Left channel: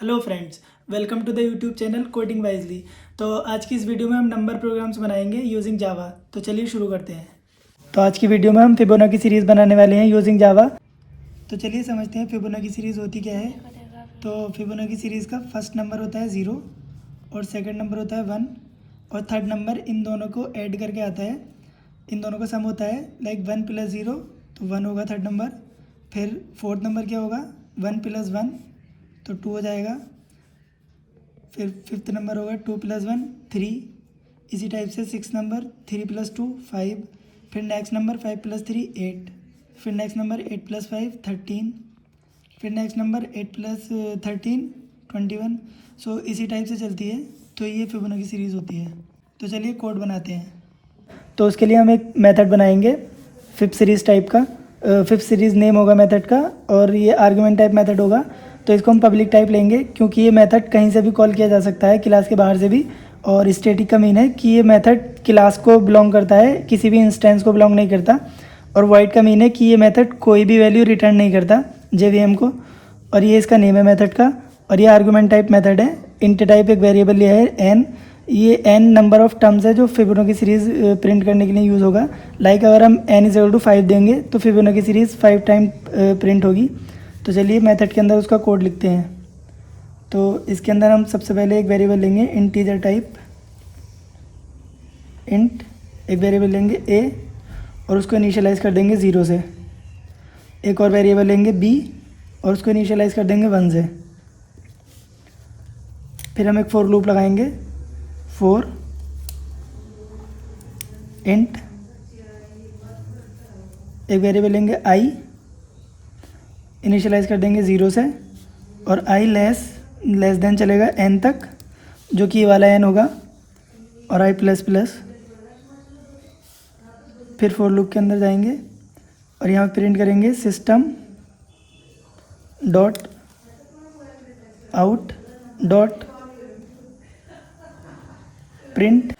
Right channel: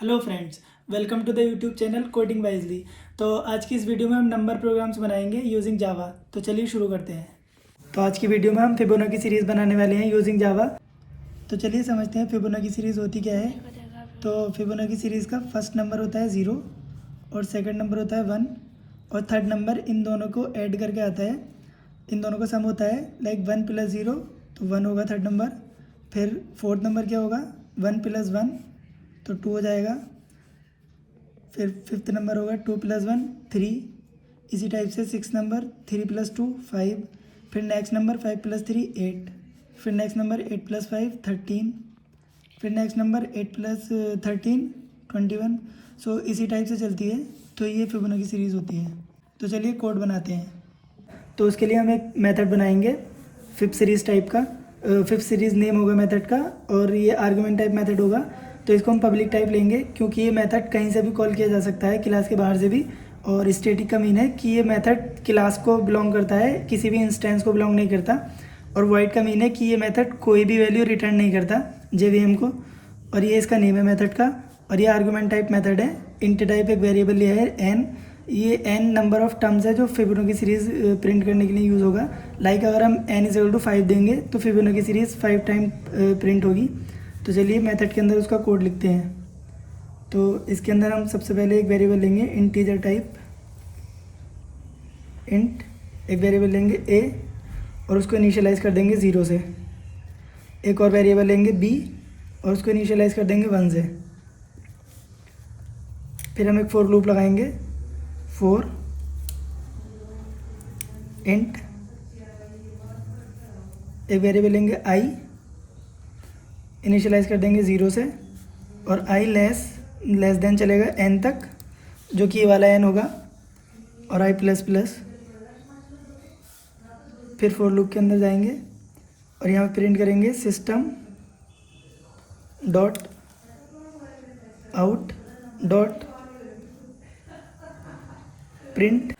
Hello friends, welcome to the YouTube channel coding wisely. तो आज की इस वीडियो में हम नंबर प्रोग्राम्स बनाएंगे यूजिंग जावा। तो चलिए शुरू करते हैं। तो आज की वीडियो में हम फिबोनाची सीरीज़ बनाने वाले हैं यूजिंग जावा। तो चलिए समझते हैं फिबोनाची सीरीज़ होती क्या है। तो फिबोनाची सीरीज़ का फर्स्ट नंबर होता है 0 और सेकंड नंबर होता है 1 और थर्ड नंबर इन दोनों को ऐड करके आता है। इन दोनों का सम होता है लाइक 1 + 0 तो 1 होगा थर्ड नंबर। फिर फोर्थ नंबर क्या होगा 1 + 1 तो 2 हो जाएगा। फिर फिफ्थ नंबर होगा 2 + 1 3। इसी टाइप से सिक्स नंबर 3 + 2 5। फिर नेक्स्ट नंबर 5 + 3 8। फिर नेक्स्ट नंबर 8 + 5 13। फिर नेक्स्ट नंबर 8 + 13 21। सो इसी टाइप से चलती है। तो ये फिबोनाची सीरीज़ होती है। तो चलिए कोड बनाते हैं। तो उसके लिए हम एक मेथड बनाएंगे फिफ्थ सीरीज़ टाइप का। फिफ्थ सीरीज़ नेम होगा मेथड का और ये आर्गुमेंट टाइप मेथड होगा। तो इसको हम पब्लिक टाइप लेंगे क्योंकि ये मेथड कहीं से भी कॉल किया जा सकता है, क्लास के बाहर से भी। और स्टैटिक का मीन है कि ये मेथड क्लास को बिलोंग करता है, किसी भी इंस्टेंस को बिलोंग नहीं करता। और वाइड का मीन है कि ये मेथड कोई भी वैल्यू रिटर्न नहीं करता जेवीएम को। और ये इसका नेम है मेथड का। और ये आर्गुमेंट टाइप मेथड है। इंट टाइप एक वेरिएबल लिया है एन। ये एन नंबर ऑफ टर्म्स है जो फिबोनाची सीरीज़ प्रिंट करने के लिए यूज़ होगा। लाइक अगर हम n = 5 देंगे तो फिबोनाची सीरीज़ 5 टाइम प्रिंट होगी। तो चलिए मेथड के अंदर उसका कोड लिखते हैं। तो इसके अंदर हम सबसे पहले एक वेरिएबल लेंगे इंटीजर टाइप इंट। एक वेरिएबल लेंगे a और उसको इनिशियलाइज़ कर देंगे 0 से। एक और वेरिएबल लेंगे b और उसको इनिशियलाइज़ कर देंगे 1 से। फिर हम एक फॉर लूप लगाएंगे फॉर इंट। एक वेरिएबल लेंगे i, इनिशियलाइज़ कर देंगे 0 से और i लेस देन चलेगा n तक, जो कि ये वाला n होगा, और i प्लस प्लस। फिर फॉर लूप के अंदर जाएंगे और यहाँ प्रिंट करेंगे system dot out dot print.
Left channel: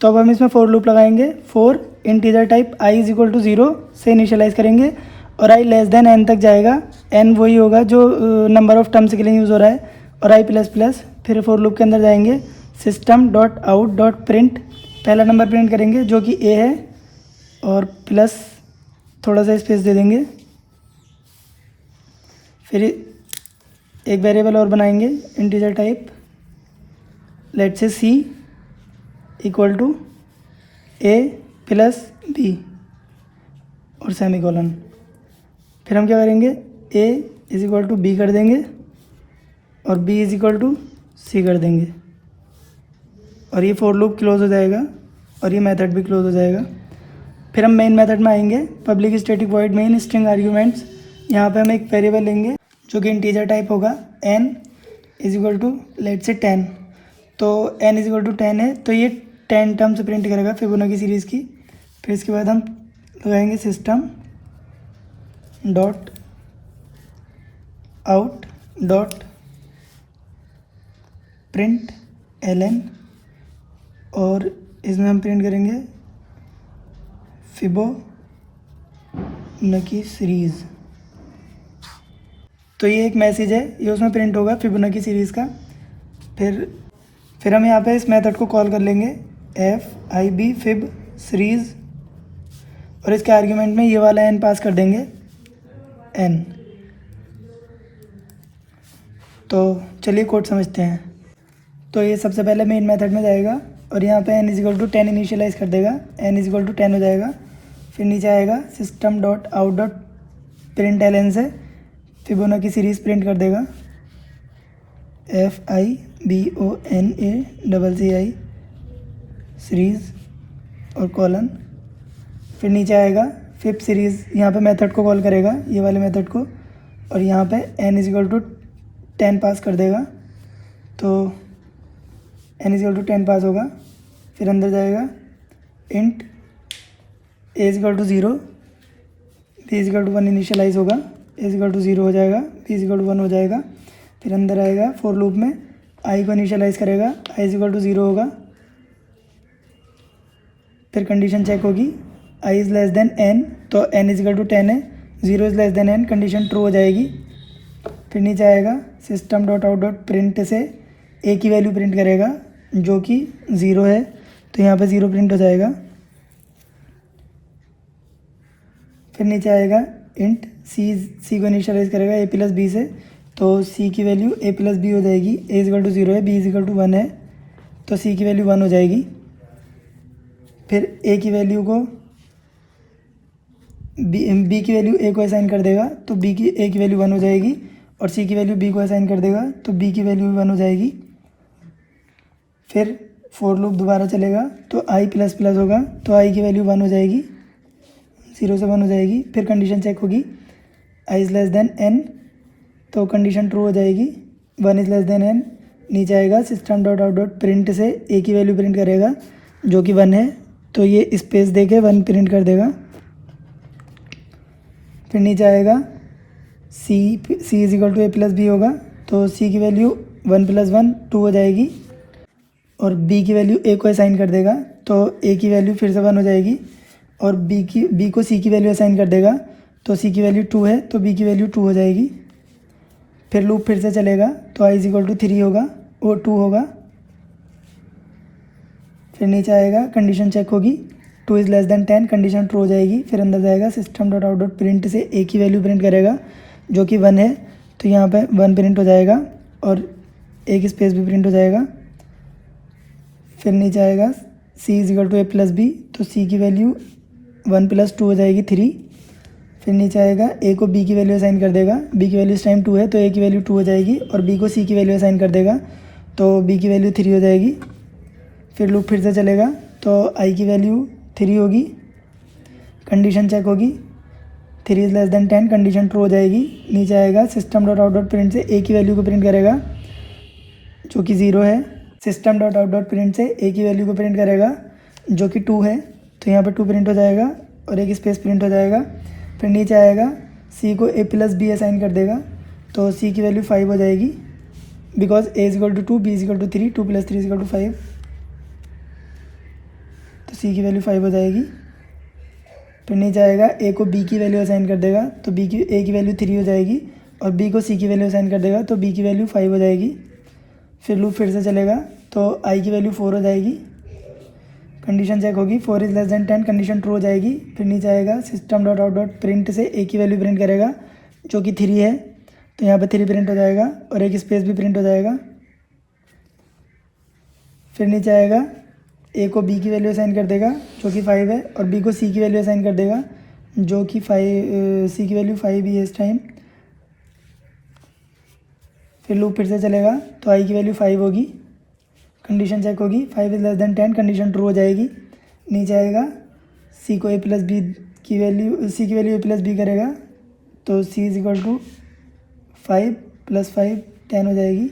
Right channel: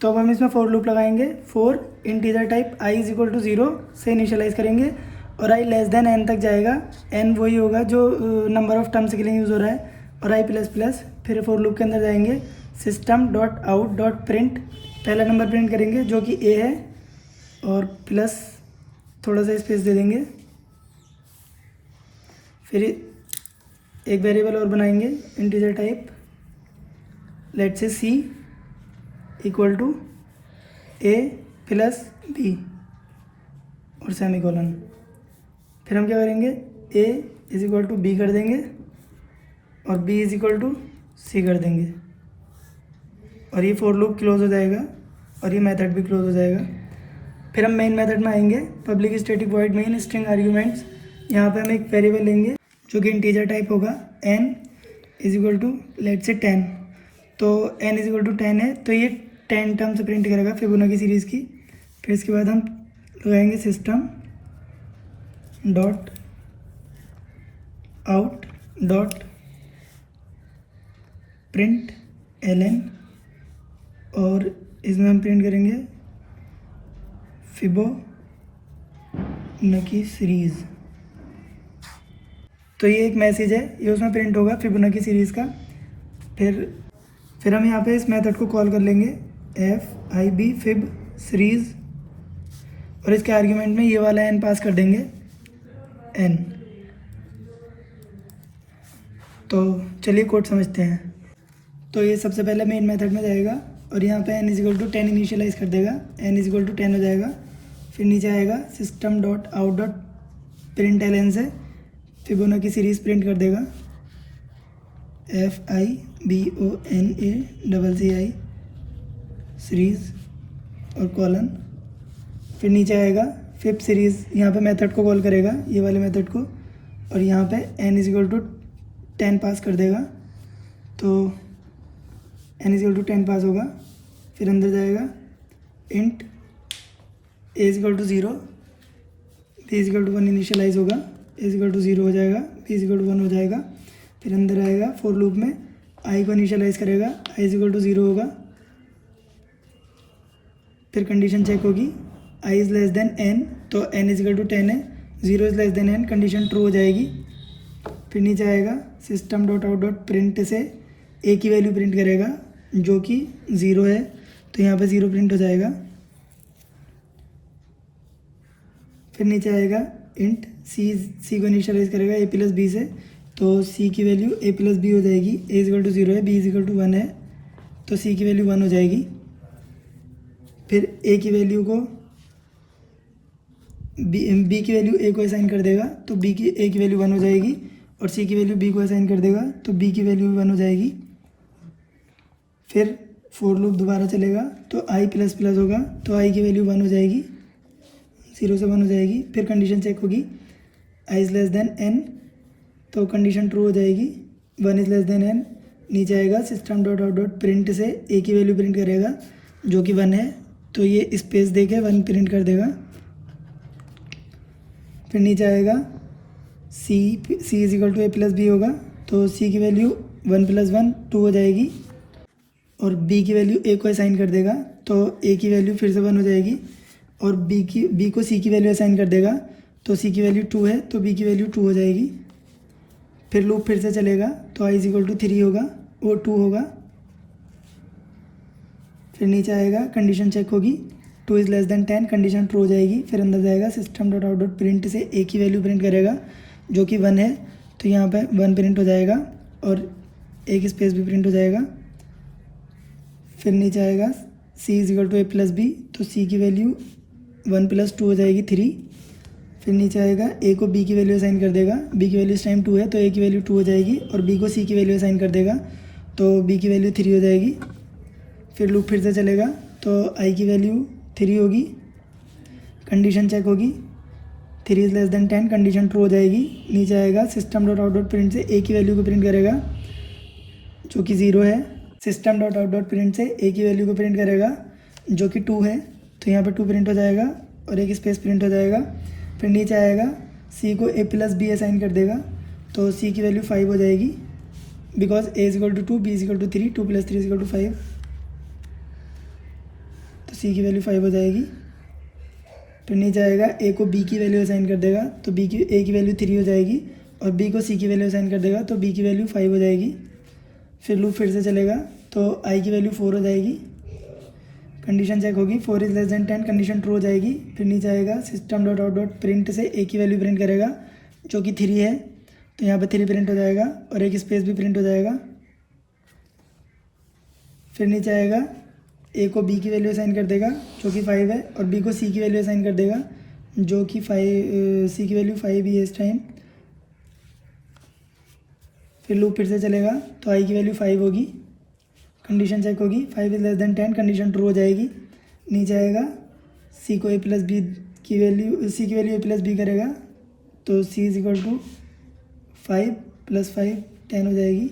तो अब हम इसमें फॉर लूप लगाएंगे फॉर इंटीजर टाइप i = 0 से इनिशियलाइज़ करेंगे और i लेस देन n तक जाएगा। n वही होगा जो नंबर ऑफ टर्म्स के लिए यूज़ हो रहा है, और i प्लस प्लस। फिर फॉर लूप के अंदर जाएंगे system dot out dot print. पहला नंबर प्रिंट करेंगे जो कि a है और प्लस थोड़ा सा स्पेस दे देंगे। फिर एक वेरिएबल और बनाएंगे इंटीजर टाइप, लेट से c = a + b और सेमीकोलन। फिर हम क्या करेंगे a = b कर देंगे और b = c कर देंगे और ये फॉर लूप क्लोज हो जाएगा और ये मेथड भी क्लोज हो जाएगा। फिर हम मेन मेथड में आएंगे public static void main string arguments. यहाँ पे हम एक वेरिएबल लेंगे जो कि इंटीजर टाइप होगा n = लेट से 10। तो n = 10 है तो ये 10 टर्म्स प्रिंट करेगा फिबोनाची सीरीज़ की। फिर इसके बाद हम लगाएंगे system dot out dot print ln और इसमें हम प्रिंट करेंगे फिबोनाची सीरीज़। तो ये एक मैसेज है, ये उसमें प्रिंट होगा फिबोनाची सीरीज़ का। फिर हम यहाँ पे इस मेथड को कॉल कर लेंगे fib fib सीरीज़ और इसके आर्ग्यूमेंट में ये वाला n पास कर देंगे n। तो चलिए कोड समझते हैं। तो ये सबसे पहले मेन मेथड में जाएगा और यहाँ पे n = 10 इनिशियलाइज़ कर देगा, n = 10 हो जाएगा। फिर नीचे आएगा system dot out dot print ln से फिबोनाची सीरीज़ प्रिंट कर देगा FIBONACCI सीरीज़ और कॉलन। फिर नीचे आएगा फिफ्थ सीरीज़, यहाँ पे मेथड को कॉल करेगा, ये वाले मेथड को, और यहाँ पे n = 10 पास कर देगा। तो n = 10 पास होगा। फिर अंदर जाएगा इंट a = 0 b = 1 इनिशियलाइज़ होगा, a = 0 हो जाएगा, b = 1 हो जाएगा। फिर अंदर आएगा फॉर लूप में i को इनिशियलाइज़ करेगा, i = 0 होगा। फिर कंडीशन चेक होगी i > n तो n = 10 है, 0 > n कंडीशन ट्रू हो जाएगी। फिर नीचे आएगा system dot out dot print से ए की वैल्यू प्रिंट करेगा जो कि 0 है, तो यहाँ पे 0 प्रिंट हो जाएगा। फिर नीचे आएगा इंट सी को इनिशियलाइज करेगा ए प्लस बी से, तो सी की वैल्यू ए प्लस बी हो जाएगी। ए इजिकल टू 0 है, बी इजिकल टू 1 है, तो सी की वैल्यू 1 हो जाएगी। फिर ए की वैल्यू को बी की वैल्यू ए को असाइन कर देगा, तो बी की ए की वैल्यू 1 हो जाएगी, और सी की वैल्यू बी को असाइन कर देगा तो बी की वैल्यू भी 1 हो जाएगी। फिर फॉर लूप दोबारा चलेगा तो आई प्लस प्लस होगा, तो आई की वैल्यू 1 हो जाएगी, 0 से 1 हो जाएगी। फिर कंडीशन चेक होगी I is less than N, तो कंडीशन ट्रू हो जाएगी, 1 इज़ लेस देन एन। नीचे आएगा system dot out dot print से ए की वैल्यू प्रिंट करेगा जो कि 1 है, तो ये स्पेस दे के 1 प्रिंट कर देगा। फिर नीचे आएगा C is equal to A plus B होगा, तो सी की वैल्यू 1 + 1 2 हो जाएगी, और बी की वैल्यू ए को असाइन कर देगा, तो ए की वैल्यू फिर से 1 हो जाएगी, और बी को सी की वैल्यू असाइन कर देगा, तो सी की वैल्यू 2 है, तो बी की वैल्यू 2 हो जाएगी। फिर लूप फिर से चलेगा तो आई इज इक्वल टू 3 होगा और 2 होगा। फिर नीचे आएगा कंडीशन चेक होगी 2 is less than 10, condition true हो जाएगी। फिर अंदर जाएगा system dot out dot print से ए की वैल्यू प्रिंट करेगा जो कि 1 है, तो यहाँ पे 1 प्रिंट हो जाएगा और एक स्पेस भी प्रिंट हो जाएगा। फिर नीचे आएगा C is equal to A plus B, तो सी की वैल्यू 1 + 2 हो जाएगी 3। फिर नीचे आएगा ए को बी की वैल्यू असाइन कर देगा, बी की वैल्यू इस टाइम 2 है, तो ए की वैल्यू 2 हो जाएगी, और बी को सी की वैल्यू असाइन कर देगा, तो बी की वैल्यू 3 हो जाएगी। फिर लूप फिर से चलेगा तो आई की वैल्यू 3 होगी, कंडीशन चेक होगी 3 is less than 10, condition true हो जाएगी। नीचे आएगा system dot out dot print से ए की वैल्यू को प्रिंट करेगा जो कि 0 है, system dot out dot print से ए की वैल्यू को प्रिंट करेगा जो कि 2 है, तो यहाँ पर 2 प्रिंट हो जाएगा और एक स्पेस प्रिंट हो जाएगा। फिर नीचे आएगा सी को ए प्लस बी असाइन कर देगा, तो सी की वैल्यू 5 हो जाएगी, because A is equal to 2, B is equal to 3, 2 + 3 is equal to 5, तो सी की वैल्यू 5 हो जाएगी। फिर नीचे आएगा ए को बी की वैल्यू असाइन कर देगा, तो ए की वैल्यू 3 हो जाएगी, और बी को सी की वैल्यू असाइन कर देगा तो बी की वैल्यू 5 हो जाएगी। फिर लूप फिर से चलेगा तो आई की वैल्यू 4 हो जाएगी, कंडीशन चेक होगी 4 is less than 10, condition true हो जाएगी। फिर नीचे आएगा system dot out dot print से ए की वैल्यू प्रिंट करेगा जो कि 3 है, तो यहाँ पे 3 प्रिंट हो जाएगा और एक स्पेस भी प्रिंट हो जाएगा। फिर नीचे आएगा ए को बी की वैल्यू असाइन कर देगा जो कि 5 है, और बी को सी की वैल्यू असाइन कर देगा जो कि 5, सी की वैल्यू 5 ही है इस टाइम। फिर लूप फिर से चलेगा तो आई की वैल्यू 5 होगी, कंडीशन चेक होगी 5 is less than 10, condition true हो जाएगी। नीचे आएगा सी को ए प्लस बी की वैल्यू ए प्लस बी करेगा, तो सी इज इक्वल टू 5 + 5 10 हो जाएगी,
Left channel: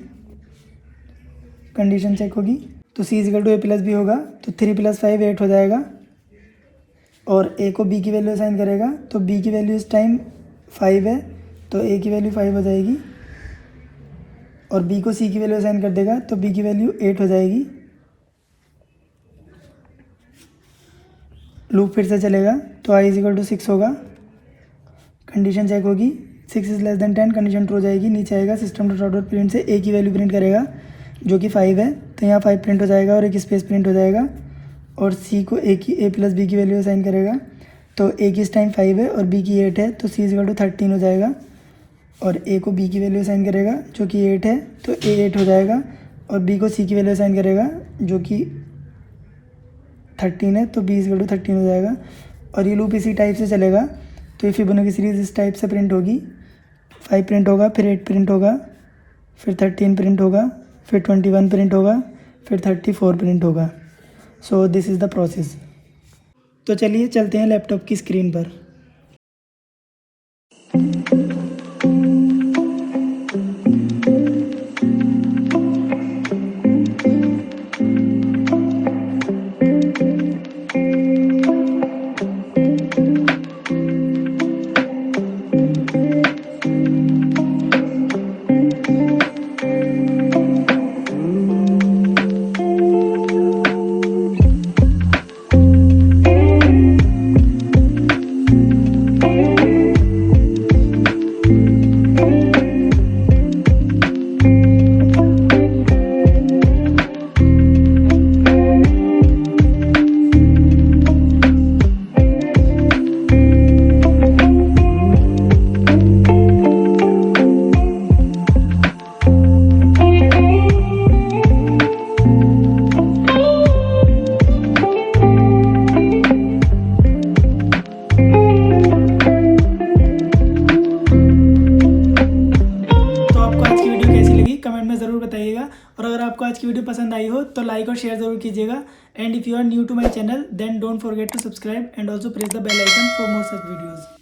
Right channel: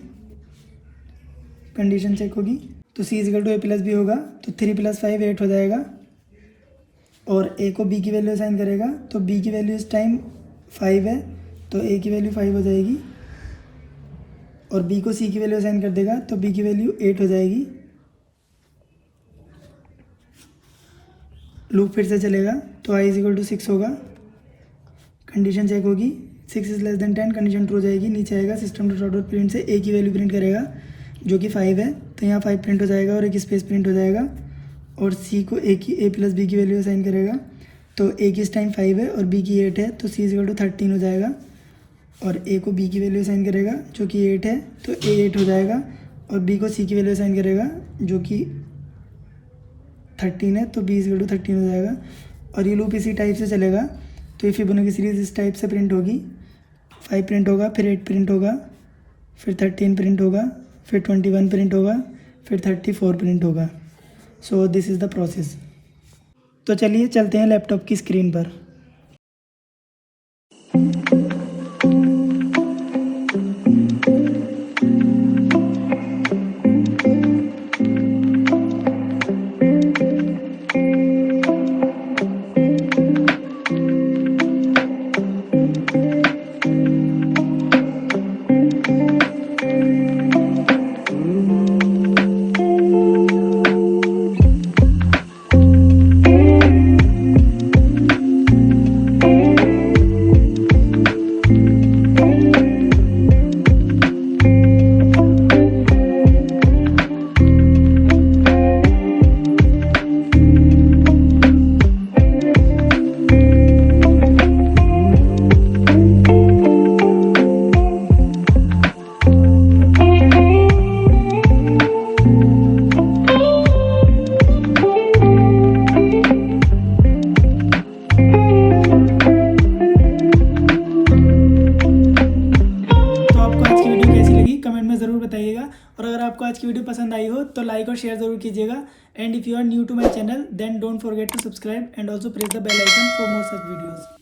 कंडीशन चेक होगी तो C is equal to A plus B होगा, तो 3 + 5 8 हो जाएगा। और ए को बी की वैल्यू असाइन करेगा, तो बी की वैल्यू इस टाइम 5 है, तो ए की वैल्यू 5 हो जाएगी, और बी को सी की वैल्यू असाइन कर देगा तो बी की वैल्यू 8 हो जाएगी। लूप फिर से चलेगा तो आई इज इक्वल टू 6 होगा, कंडीशन चेक होगी 6 is less than 10, condition true हो जाएगी। नीचे आएगा सिस्टम डॉट आउट प्रिंट से ए की वैल्यू प्रिंट करेगा जो कि 5 है, तो यहाँ 5 प्रिंट हो जाएगा और एक स्पेस प्रिंट हो जाएगा, और सी को ए प्लस बी की वैल्यू असाइन करेगा, तो ए की इस टाइम 5 है और बी की 8 है, तो सी इज इक्वल टू 13 हो जाएगा, और ए को बी की वैल्यू असाइन करेगा जो कि 8 है, तो ए 8 हो जाएगा, और बी को सी की वैल्यू असाइन करेगा जो कि 13 है, तो बी इज इक्वल टू 13 हो जाएगा। और ये लूप इसी टाइप से चलेगा, तो ये फिबोनाची सीरीज इस टाइप से प्रिंट होगी, 5 प्रिंट होगा, फिर 8 प्रिंट होगा, फिर 13 प्रिंट होगा, फिर 21 प्रिंट होगा, फिर 34 प्रिंट होगा। So this is the process. तो चलिए चलते हैं लैपटॉप की स्क्रीन पर। ज़रूर बताइएगा। और अगर आपको आज की वीडियो पसंद आई हो तो लाइक और शेयर ज़रूर कीजिएगा। And if you are new to my channel then don't forget to subscribe and also press the bell icon for more such videos.